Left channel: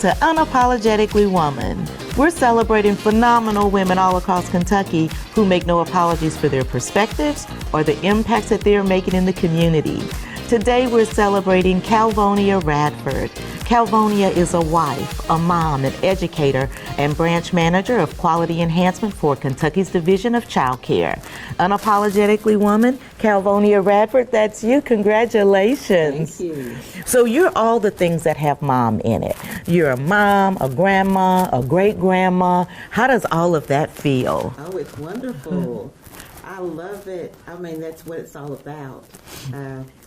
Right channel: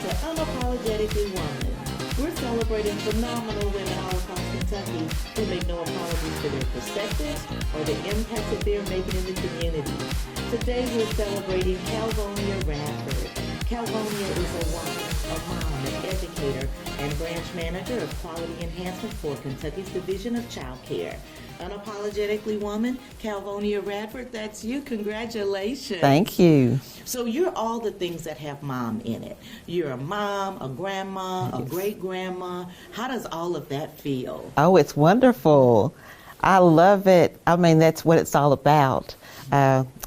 to Unapologetically Woman. We're celebrating phenomenal women all across Kentucky who make no apologies for their perspectives or the impacts that they are making in the community. Today we're celebrating Calvonia Radford. Calvonia is a wife, a mom, an educator, and branch manager of quality enhancement for Kentucky's Division of Child Care. Unapologetically Woman, Calvonia Radford, that's you. Congratulations. Thank you. So you're all the things that have mom in it. You're a mom, a grandma, a great-grandma. How does all of that feel? Oh, it's wonderful. I love it. I mean, that's what it's all about.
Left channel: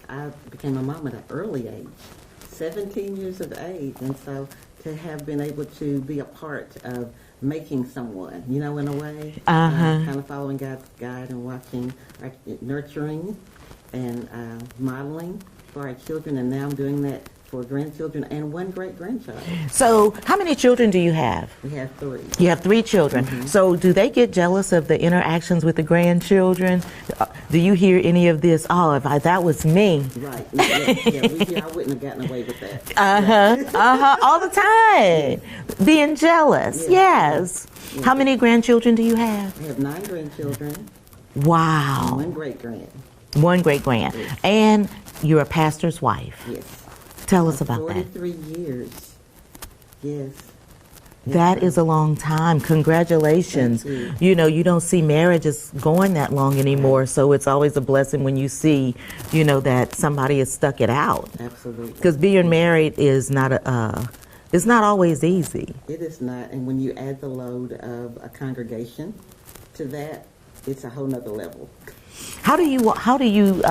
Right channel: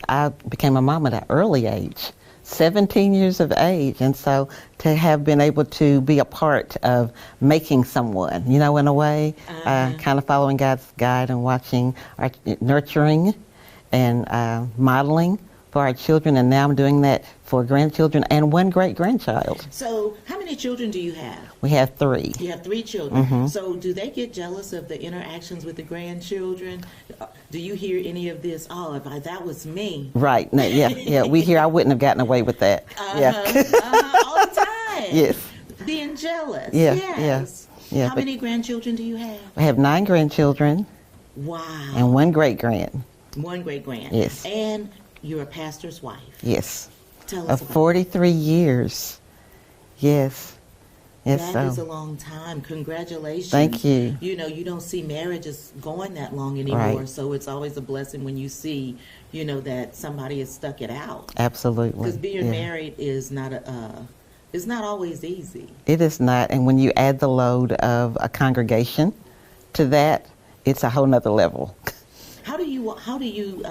I became a mom at an early age, 17 years of age, and so to have been able to be a part of making someone, you know, in a way, kind of following God's guide and watching, nurturing and modeling for our children, and now I'm doing that for grandchildren and one great-grandchild. So how many children do you have? We have 3. You have 3 children. So do they get jealous of the interactions with the grandchildren? Do you hear any of this? Oh, if that was me. Right. No, yeah. We hear I wouldn't have gotten away with that. All the time. Yes. Being jealous. Yeah, Yes. yeah, How many grandchildren do you have? I have 9 grandchildren. Wow. And 1 great-grand. 1 great-grand. Yes. And you're a pastor's wife. Yes. Tell us Of about 43 years. Yes. That is a long time. Congratulations. Thank you. You know, you don't see marriages going that long anymore, Right. so it's always a blessing when you see, you know, that somebody has stuck it out. Absolutely. Because being married is not it's not always easy. It is not, and when you add the load of a congregation to that, it's a whole nother level. How do you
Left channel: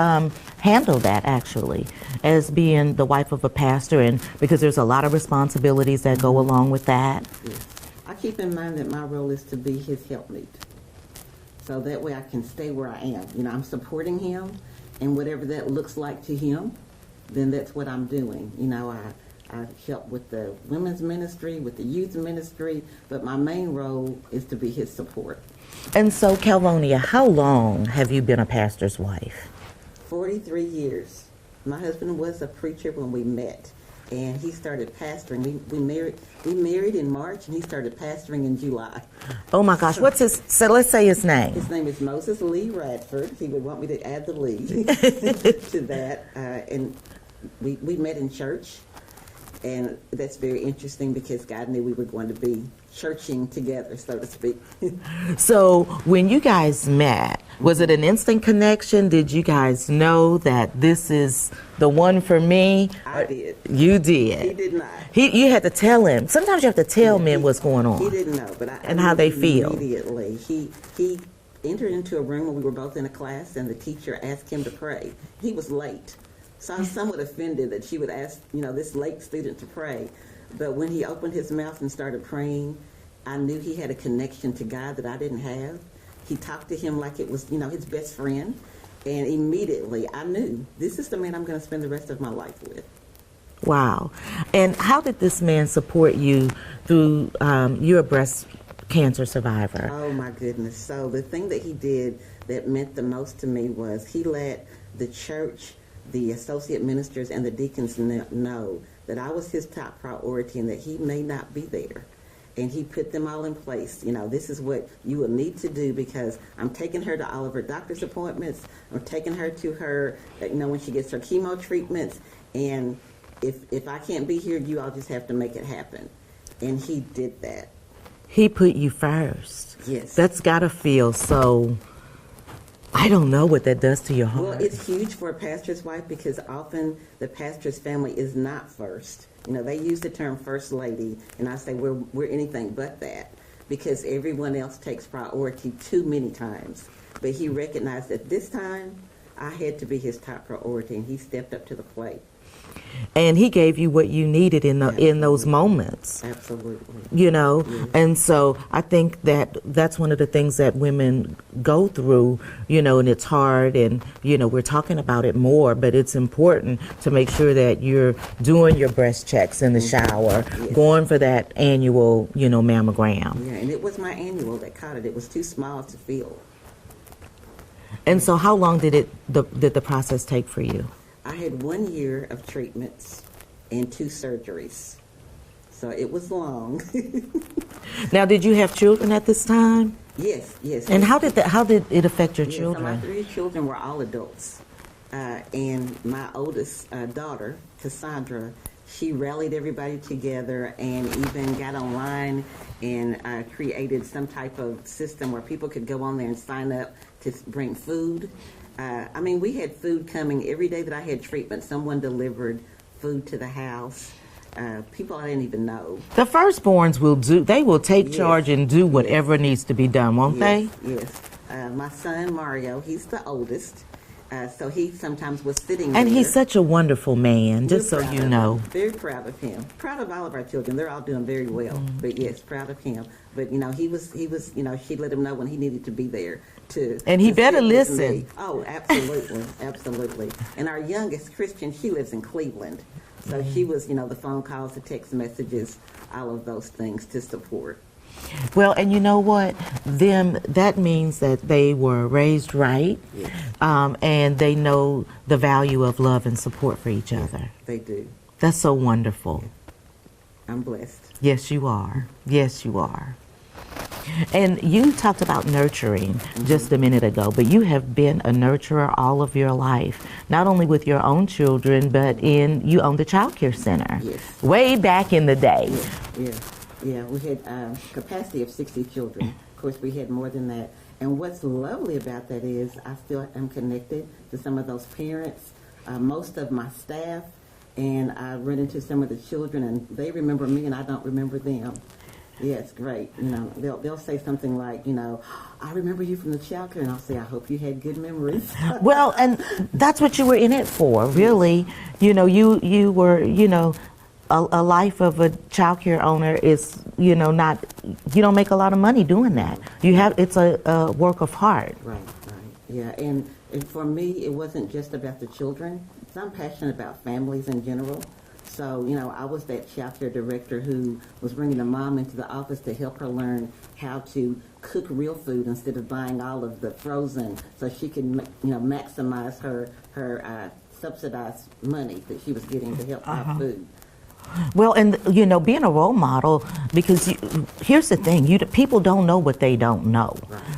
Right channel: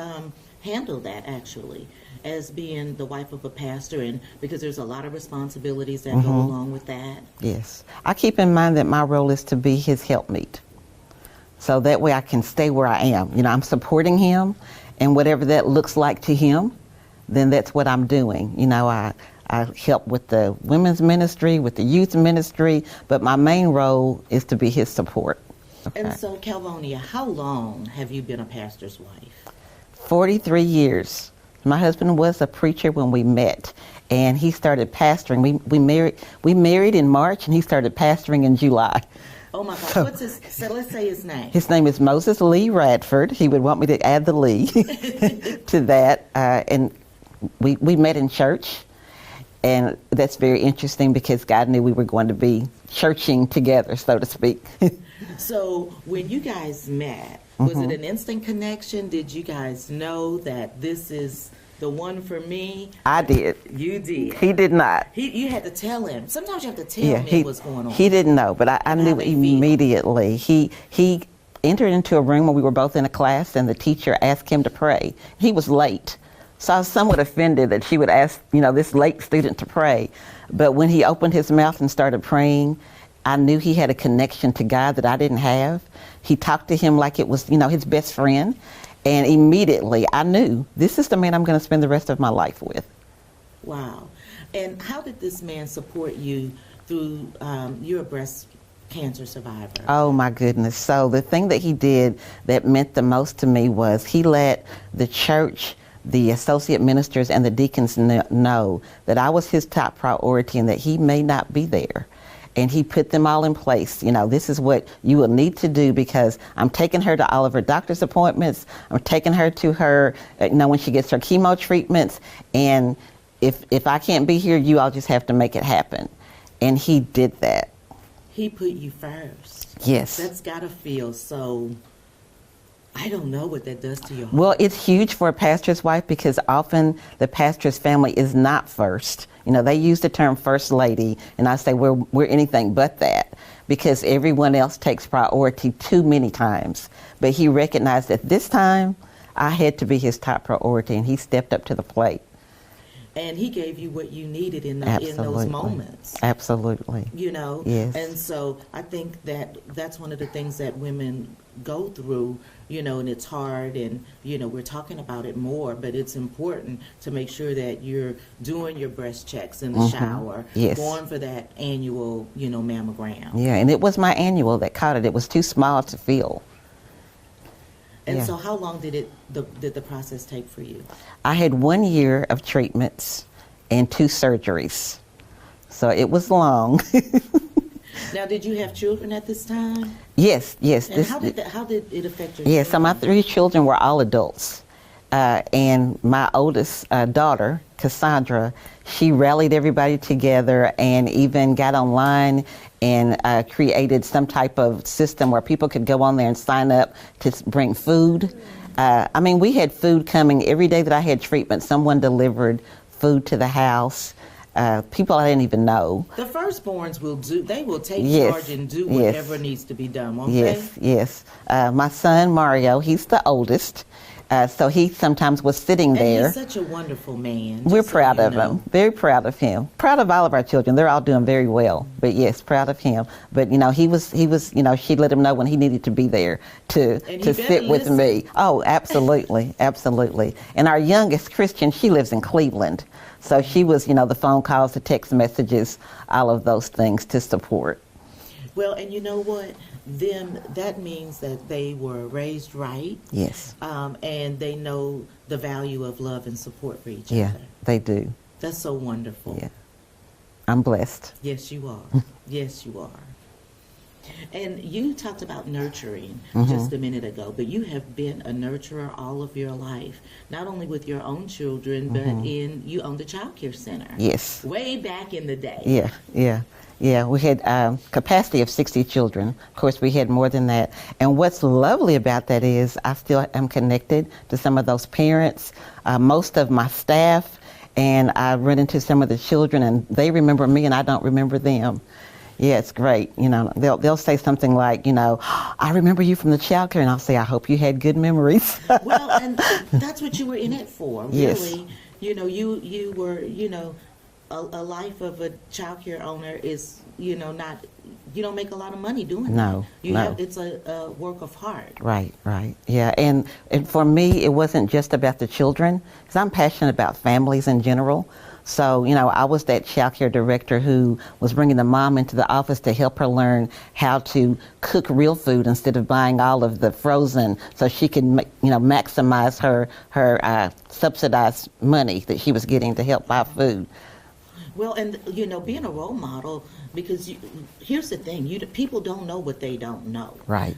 handle that, actually, as being the wife of a pastor, and because there's a lot of responsibilities that go along with that? Yes. I keep in mind that my role is to be his helpmeet. So that way I can stay where I am. You know, I'm supporting him, and whatever that looks like to him, then that's what I'm doing. You know, I help with the women's ministry, with the youth ministry, but my main role is to be his support. And so, Calvonia, how long have you been a pastor's wife? 43 years. My husband was a preacher when we met, and he started pastoring. We married in March, and he started pastoring in July. Oh my gosh, so let's say his name. His name is Moses Lee Radford. He would want me to add the Lee to that. And we met in church, and that's very interesting because God knew we were going to be churching together, so to speak. So when you guys met, was it an instant connection? Did you guys know that this is the one for me? I did. You did. He did not. You had to tell him. Sometimes you have to tell men what's going on. He didn't know, but I knew how they feel. immediately. He entered into a room when we were both in a class, and the teacher asked him to pray. He was late, so I was somewhat offended that she would ask, you know, this late student to pray. But when he opened his mouth and started praying, I knew he had a connection to God that I didn't have. He talked to him like it was, you know, his best friend. And immediately I knew this is the man I'm going to spend the rest of my life with. Wow. And how did this man support you through you're a breast cancer survivor? Oh my goodness. So the thing that he did that meant the most to me was he let the church, the associate ministers, and the deacons know that I was his top priority and that he may not be there. And he put them all in place. You know, this is what you will need to do because I'm taking her to all of her doctor's appointments. I'm taking her to her, you know, when she gets her chemo treatments. And if I can't be here, you all just have to make it happen. And he did that. He put you first. Yes. That's got to feel so, I don't know what that does to your heart. Well, it's huge for a pastor's wife because often the pastor's family is not first. You know, they use the term first lady, and I say we're anything but that because everyone else takes priority too many times. But he recognized that this time I had to be his top priority, and he stepped up to the plate. And he gave you what you needed in those Absolutely. moments. Absolutely. You know? Yes. And so I think that that's one of the things that women go through, you know, and it's hard, and, you know, we're talking about it more, but it's important to make sure that you're doing your breast checks in the shower, Yes. going for that annual, you know, mammogram. Yeah, and it was my annual that caught it. It was too small to feel. And so how long did the process take for you? I had 1 year of treatments and 2 surgeries. So it was long. Now, did you have children at this time? Yes, yes. And how did it affect your Yes, children? so my 3 children were all adults. And my oldest daughter, Cassandra, she rallied everybody together and even got online and created some type of system where people could go on there and sign up to bring food. I mean, we had food coming every day that I had treatment. Someone delivered food to the house. People I didn't even know. The firstborns they will take charge and do whatever needs to be done, won't they? Yes. My son, Mario, he's the oldest. So he sometimes was sitting there. And he's such a wonderful man. We're proud of him. Very proud of him. Proud of all of our children. They're all doing very well. But yes, proud of him. But he was. She let him know when he needed to be there to sit with me. Oh, absolutely, absolutely. And our youngest, Christian, she lives in Cleveland. So she was, the phone calls, the text messages, all of those things to support. Well, and you know what? That means that they were raised right. Yes. And they know the value of love and support for each other. They do. That's so wonderful. Yeah. I'm blessed. Yes, you are. Yes, you are. And you talked about nurturing just a minute ago, but you have been a nurturer all of your life, not only with your own children, but you own the child care center. Yes. Way back in the day. Yeah, we had capacity of 60 children. Of course, we had more than that. And what's lovely about that is I still am connected to some of those parents, most of my staff, and I run into some of the children, and they remember me, and I don't remember them. Yeah, it's great. They'll say something like, I remember you from the child care, and I'll say, I hope you had good memories. Well, and that's what you were in it for, really. Yes. You were, a life of a child care owner is, you don't make a lot of money doing that. It's a work of heart. Right. Yeah, and for me, it wasn't just about the children, because I'm passionate about families in general. So, I was that child care director who was bringing the mom into the office to help her learn how to cook real food instead of buying all of the frozen, so she could, maximize her subsidized money that she was getting to help buy food. Well, and being a role model, because here's the thing, people don't know what they don't know. Right.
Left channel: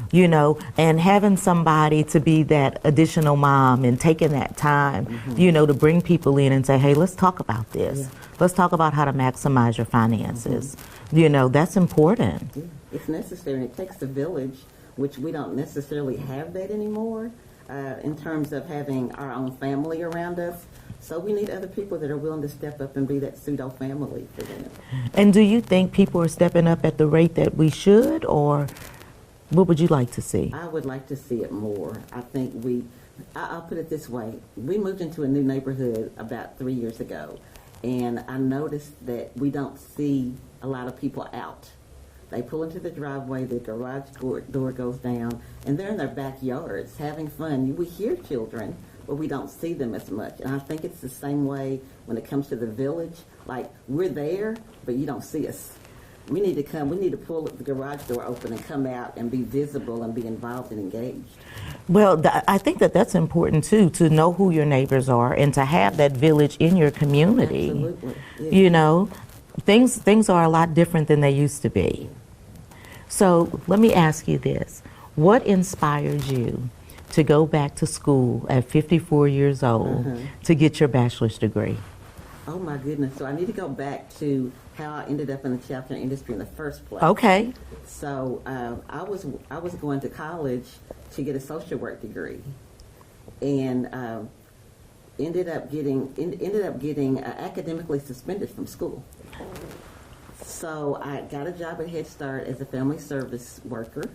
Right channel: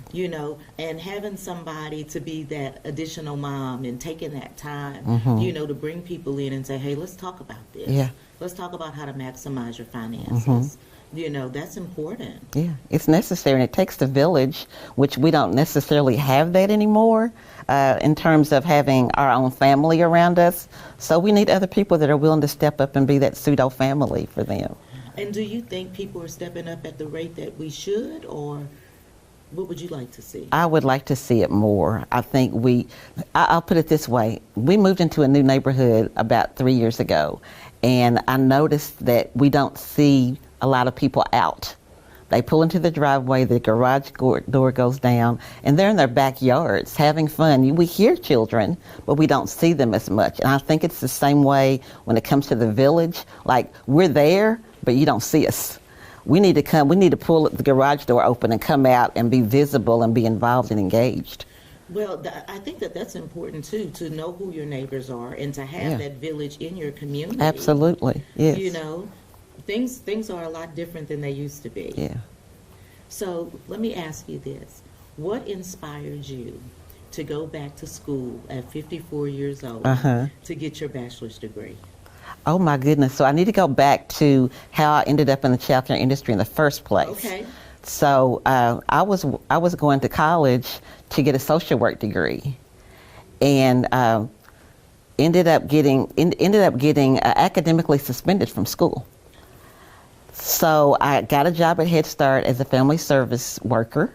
And having somebody to be that additional mom and taking that time, to bring people in and say, hey, let's talk about this. Yeah. Let's talk about how to maximize your finances. That's important. Yeah, it's necessary, and it takes the village, which we don't necessarily have that anymore. In terms of having our own family around us. So we need other people that are willing to step up and be that pseudo family for them. And do you think people are stepping up at the rate that we should, or what would you like to see? I would like to see it more. I think I'll put it this way. We moved into a new neighborhood about 3 years ago, and I noticed that we don't see a lot of people out. They pull into the driveway, the garage door goes down, and they're in their backyards having fun. We hear children, but we don't see them as much. And I think it's the same way when it comes to the village. Like, we're there, but you don't see us. We need to pull the garage door open and come out and be visible and be involved and engaged. Well, I think that's important, too, to know who your neighbors are and to have that village in your community. Absolutely, yes. Things are a lot different than they used to be. Yeah. So let me ask you this. What inspired you to go back to school at 54 years old to get your bachelor's degree? Oh, my goodness. So I need to go back to how I ended up in the child care industry in the first place. Okay. So I was going to college to get a social work degree, and ended up getting academically suspended from school. So I got a job at Head Start as a family service worker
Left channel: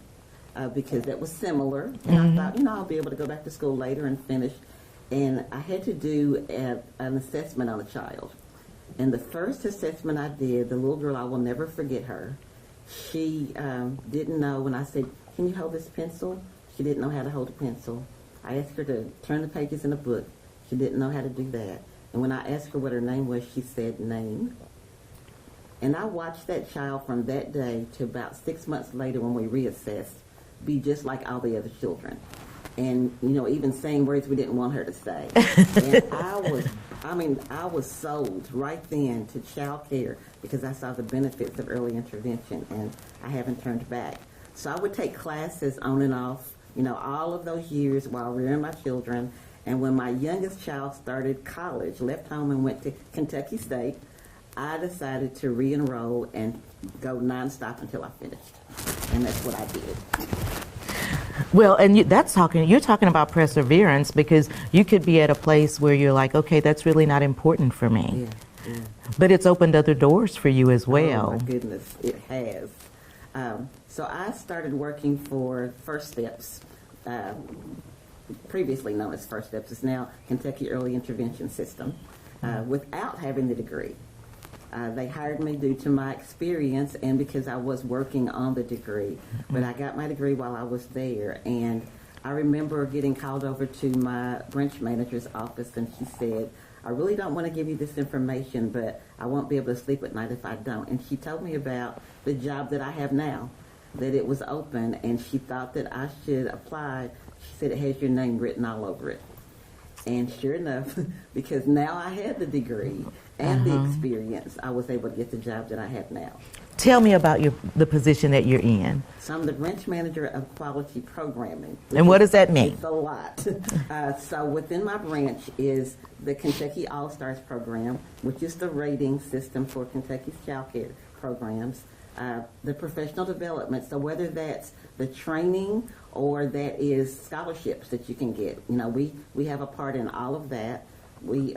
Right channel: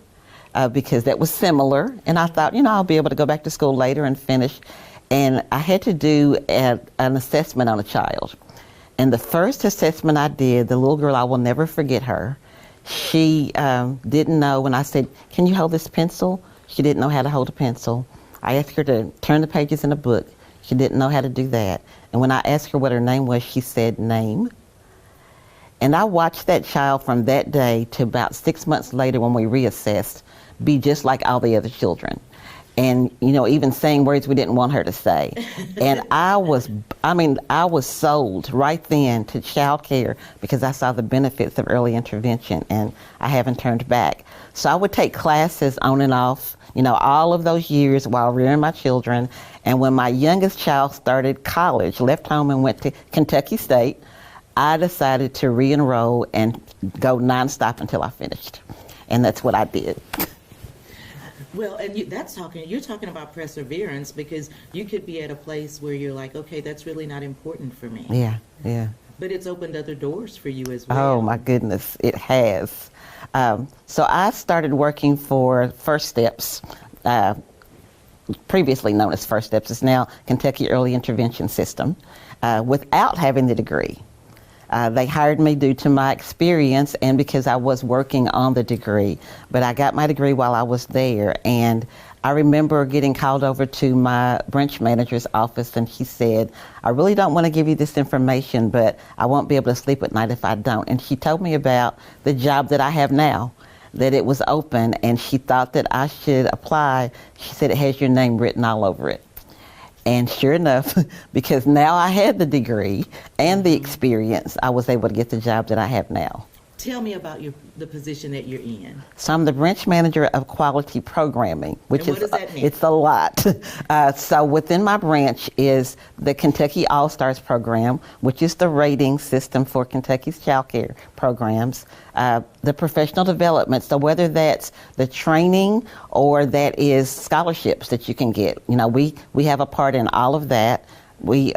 because that was similar. And I thought, I'll be able to go back to school later and finish. And I had to do an assessment on a child. And the first assessment I did, the little girl, I will never forget her. She didn't know when I said, can you hold this pencil? She didn't know how to hold a pencil. I asked her to turn the pages in a book. She didn't know how to do that. And when I asked her what her name was, she said, name. And I watched that child from that day to about 6 months later when we reassessed be just like all the other children. and even saying words we didn't want her to say. And I was sold right then to child care because I saw the benefits of early intervention, and I haven't turned back. So I would take classes on and off, all of those years while rearing my children. And when my youngest child started college, left home and went to Kentucky State, I decided to re-enroll and go nonstop until I finished. And that's what I did. Well, and you're talking about perseverance, because you could be at a place where you're like, okay, that's really not important for me. Yeah. But it's opened other doors for you as well. Oh my goodness, it has. So I started working for First Steps, previously known as First Steps. It's now Kentucky Early Intervention System, without having the degree. They hired me due to my experience and because I was working on the degree. But I got my degree while I was there, and I remember getting called over to my branch manager's office, and she said, I really don't want to give you this information, but I won't be able to sleep at night if I don't. And she told me about the job that I have now, that it was open, and she thought that I should apply. She said it has your name written all over it. And sure enough, because now I had the degree and the experience, I was able to get the job that I have now. Tell me about the position that you're in. So I'm the branch manager of quality programming. And what does that mean? It's a lot. So within my branch is the Kentucky All-Stars program, which is the rating system for Kentucky's child care programs. The professional development, so whether that's the training or that is scholarships that you can get. We have a part in all of that. The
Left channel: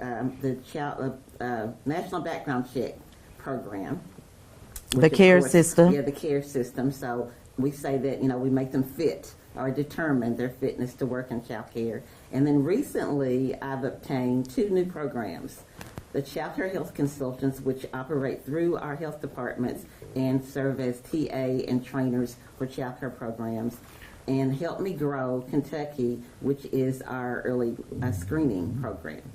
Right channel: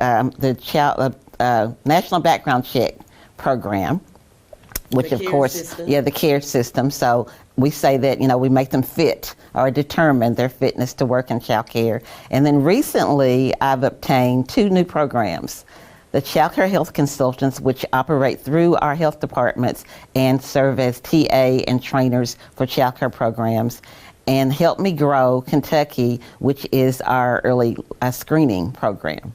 National Background Check program, which the care of course, system. Yeah, the care system. So we say that, we make them fit or determine their fitness to work in child care. And then recently I've obtained 2 new programs. The Child Care Health Consultants, which operate through our health departments and serve as TA and trainers for child care programs, and Help Me Grow Kentucky, which is our early screening program.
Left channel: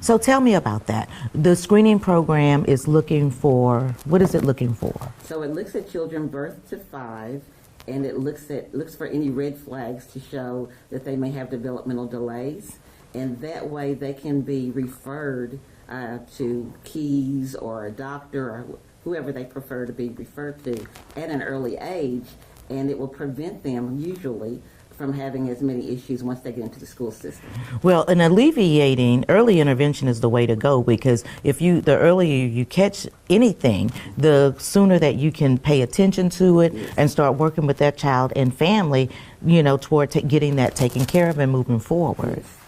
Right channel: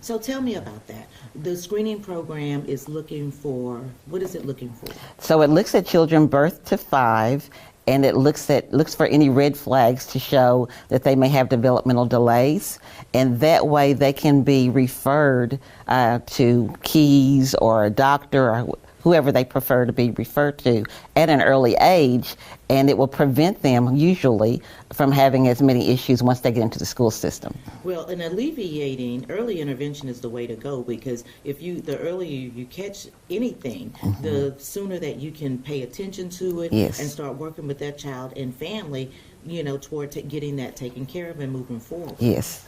So tell me about that. The screening program is looking for, what is it looking for? So it looks at children birth to 5, and it looks for any red flags to show that they may have developmental delays, and that way they can be referred to Keys or a doctor or whoever they prefer to be referred to at an early age, and it will prevent them usually from having as many issues once they get into the school system. Well, in alleviating, early intervention is the way to go, because the earlier you catch anything, the sooner that you can pay attention to it and start working with that child and family, toward getting that taken care of and moving forward. Yes.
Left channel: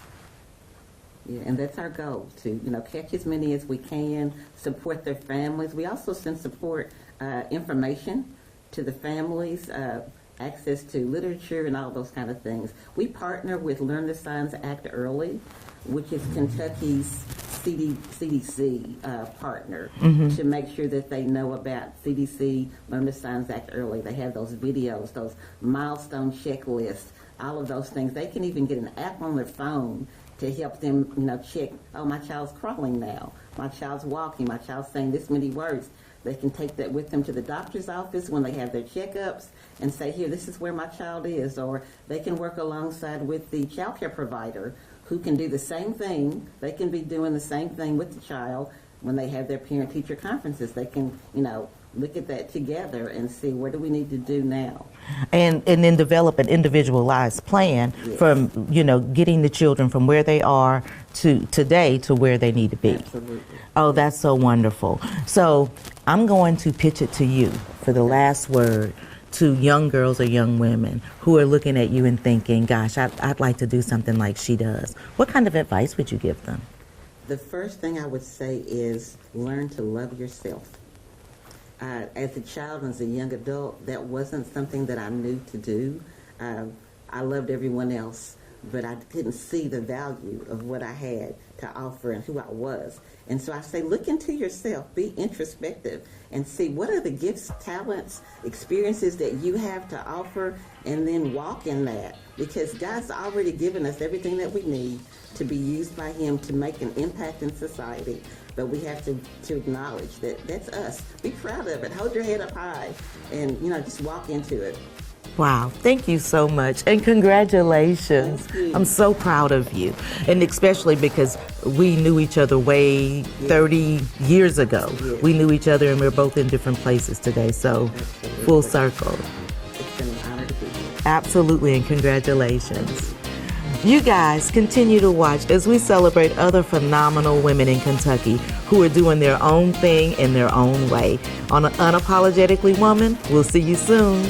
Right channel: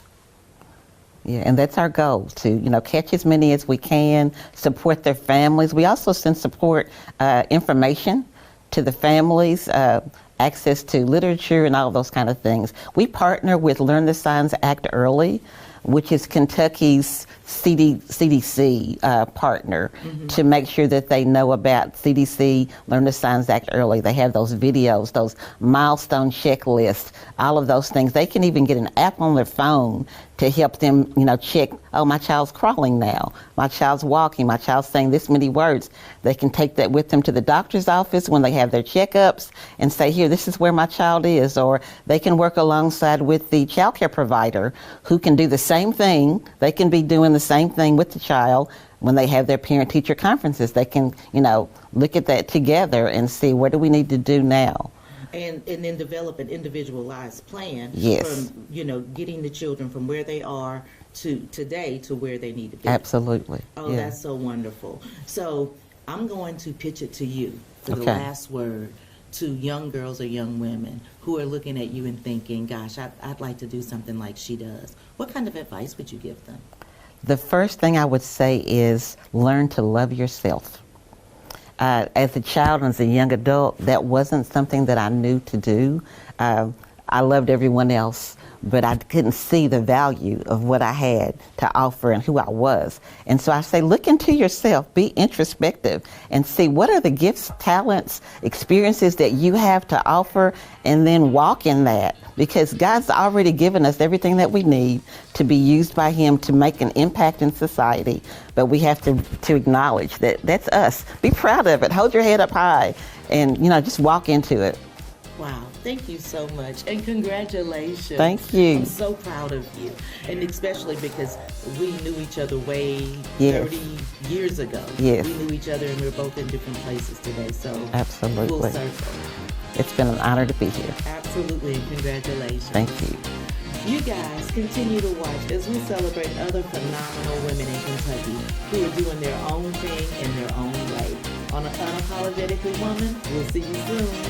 Yeah, and that's our goal, to catch as many as we can, support their families. We also send support information to the families, access to literature and all those kind of things. We partner with Learn the Signs Act Early, which is Kentucky's CDC partner, to make sure that they know about CDC Learn the Signs Act Early. They have those videos, those milestone checklists, all of those things. They can even get an app on their phone to help them, check, oh, my child's crawling now, my child's walking, my child's saying this many words. They can take that with them to the doctor's office when they have their checkups and say, here, this is where my child is. Or they can work alongside with the child care provider who can do the same thing. They can be doing the same thing with the child when they have their parent-teacher conferences. They can, look at that together and see, what do we need to do now? And then develop an individualized plan from, getting the children from where they are to today to where they need to be. Absolutely. Oh, that's so wonderful. So I'm going to pitch it to you for the last word to young girls or young women who are looking at you and thinking, gosh, I'd like to do something like she does. What kind of advice would you give them? The first thing I would say is learn to love yourself. As a child and as a young adult, that wasn't something that I knew to do. I loved everyone else, but I couldn't see the value of what I had to offer and who I was. And so I say, look into yourself, be introspective, and see what are the gifts, talents, experiences that you have to offer, and then walk in that. Because God's already given us everything that we need to be used by Him to make an impact in society. But we have to acknowledge that that's us. Be proud of it. Hold your head up high and, just walk into it. Wow, thank you so much, and congratulations. Thank you. I'm so proud of you, and especially because we knew each other way Yes. 30 years ago. Yes. We knew each other, and we're both in different places today, so Absolutely. full circle. It's been an honor to be here. Absolutely, and congratulations. Thank you. You guys continue to watch as we celebrate other phenomenal women in Kentucky who are doing their own thing in their own way. On Unapologetically Woman, we'll see you soon.